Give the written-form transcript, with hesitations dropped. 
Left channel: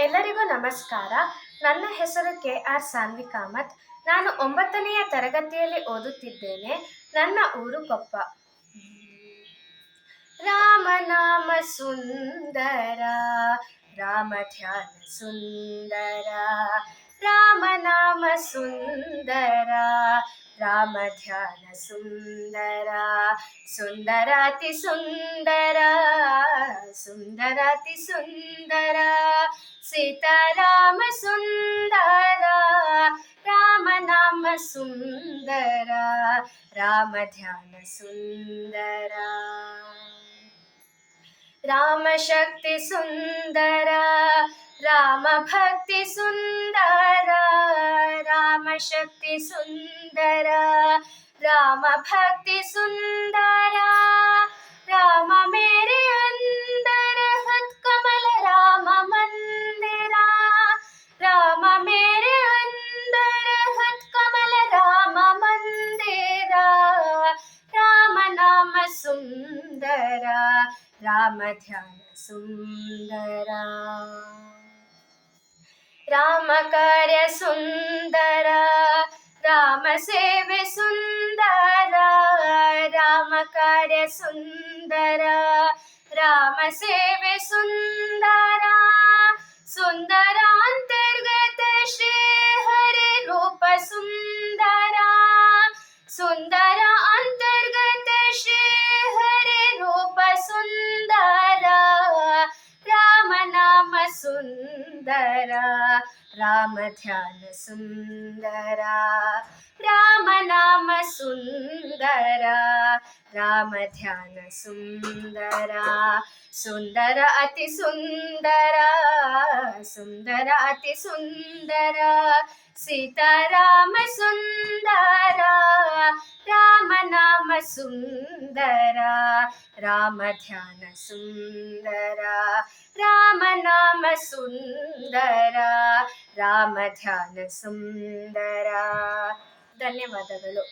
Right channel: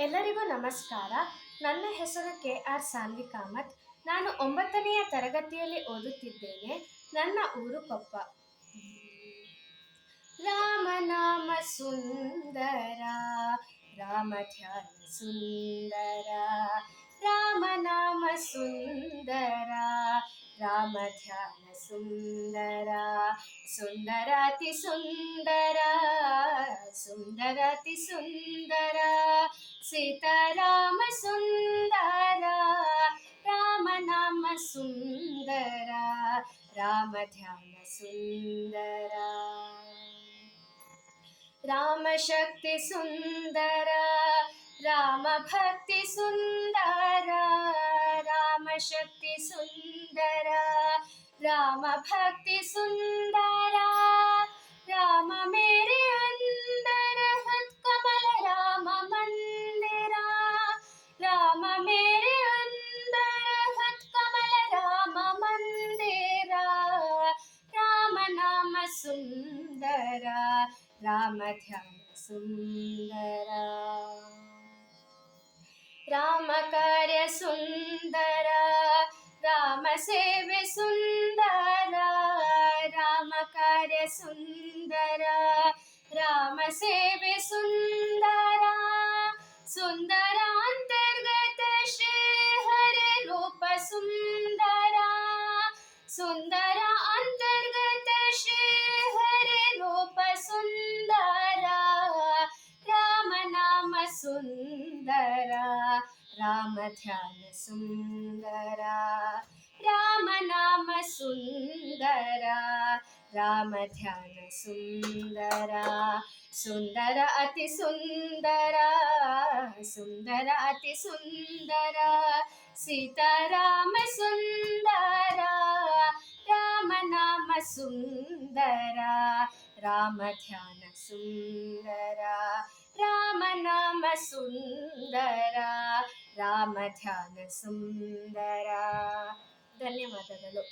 ಎಲ್ಲರಿಗೂ ನಮಸ್ಕಾರ. ನನ್ನ ಹೆಸರು ಕೆ.ಆರ್. ಸಾನ್ವಿ ಕಾಮತ್. ನಾನು 9ನೆಯ ತರಗತಿಯಲ್ಲಿ ಓದುತ್ತಿದ್ದೇನೆ. ನನ್ನ ಊರು ಕೊಪ್ಪ. ರಾಮನಾಮ ಸುಂದರ, ರಾಮ ಧ್ಯಾನ ಸುಂದರ, ರಾಮನಾಮ ಸುಂದರ, ರಾಮ ಧ್ಯಾನ ಸುಂದರ, ಸುಂದರಾತಿ ಸುಂದರ, ಸುಂದರಾತಿ ಸುಂದರ, ಸೀತಾರಾಮ ಸುಂದರ, ರಾಮನಾಮ ಸುಂದರ, ರಾಮ ಧ್ಯಾನ ಸುಂದರ, ರಾಮ ಶಕ್ತಿ ಸುಂದರ, ರಾಮ ಭಕ್ತಿ ಸುಂದರ, ರಾಮ ಶಕ್ತಿ ಸುಂದರ, ರಾಮ ಭಕ್ತಿ ಸುಂದರ, ರಾಮ ಮೇರೆ ಅಂದರ ಹತ್ಕಮಲ ರಾಮ ಮಂದಿರ, ರಾಮ ಮೇರೆ ಅಂದರ ಹತ್ಕಮಲ ರಾಮ ಮಂದಿರ, ರಾಮ ನಾಮ ಸುಂದರ, ರಾಮ ಧ್ಯಾನ ಸುಂದರ, ರಾಮ ಕಾರ್ಯ ಸುಂದರ, ರಾಮ ಸೇವೆ ಸುಂದರ, ರಾಮ ಕಾರ್ಯ ಸುಂದರ, ರಾಮ ಸೇವೆ ಸುಂದರ, ಸುಂದರ ಅಂತರ್ಗತ ಶ್ರೀ ಹರಿ ರೂಪ ಸುಂದರ, ಸುಂದರ ಅಂತರ್ಗತ ಶ್ರೀ ಹರಿ ರೂಪ ಸುಂದರ, ರಾಮ ನಾಮ ಸುಂದರ, ರಾಮ ಧ್ಯಾನ ಸುಂದರ, ರಾಮ ನಾಮ ಸುಂದರ, ರಾಮ ಧ್ಯಾನ ಸುಂದರ, ಸುಂದರ ಅತಿ ಸುಂದರ, ಸುಂದರ ಅತಿ ಸುಂದರ, ಸೀತಾರಾಮ ಸುಂದರ, ರಾಮ ನಾಮ ಸುಂದರ, ರಾಮ ಧ್ಯಾನ ಸುಂದರ, ರಾಮ ನಾಮ ಸುಂದರ, ರಾಮ ಧ್ಯಾನ ಸುಂದರ. ಧನ್ಯವಾದಗಳು.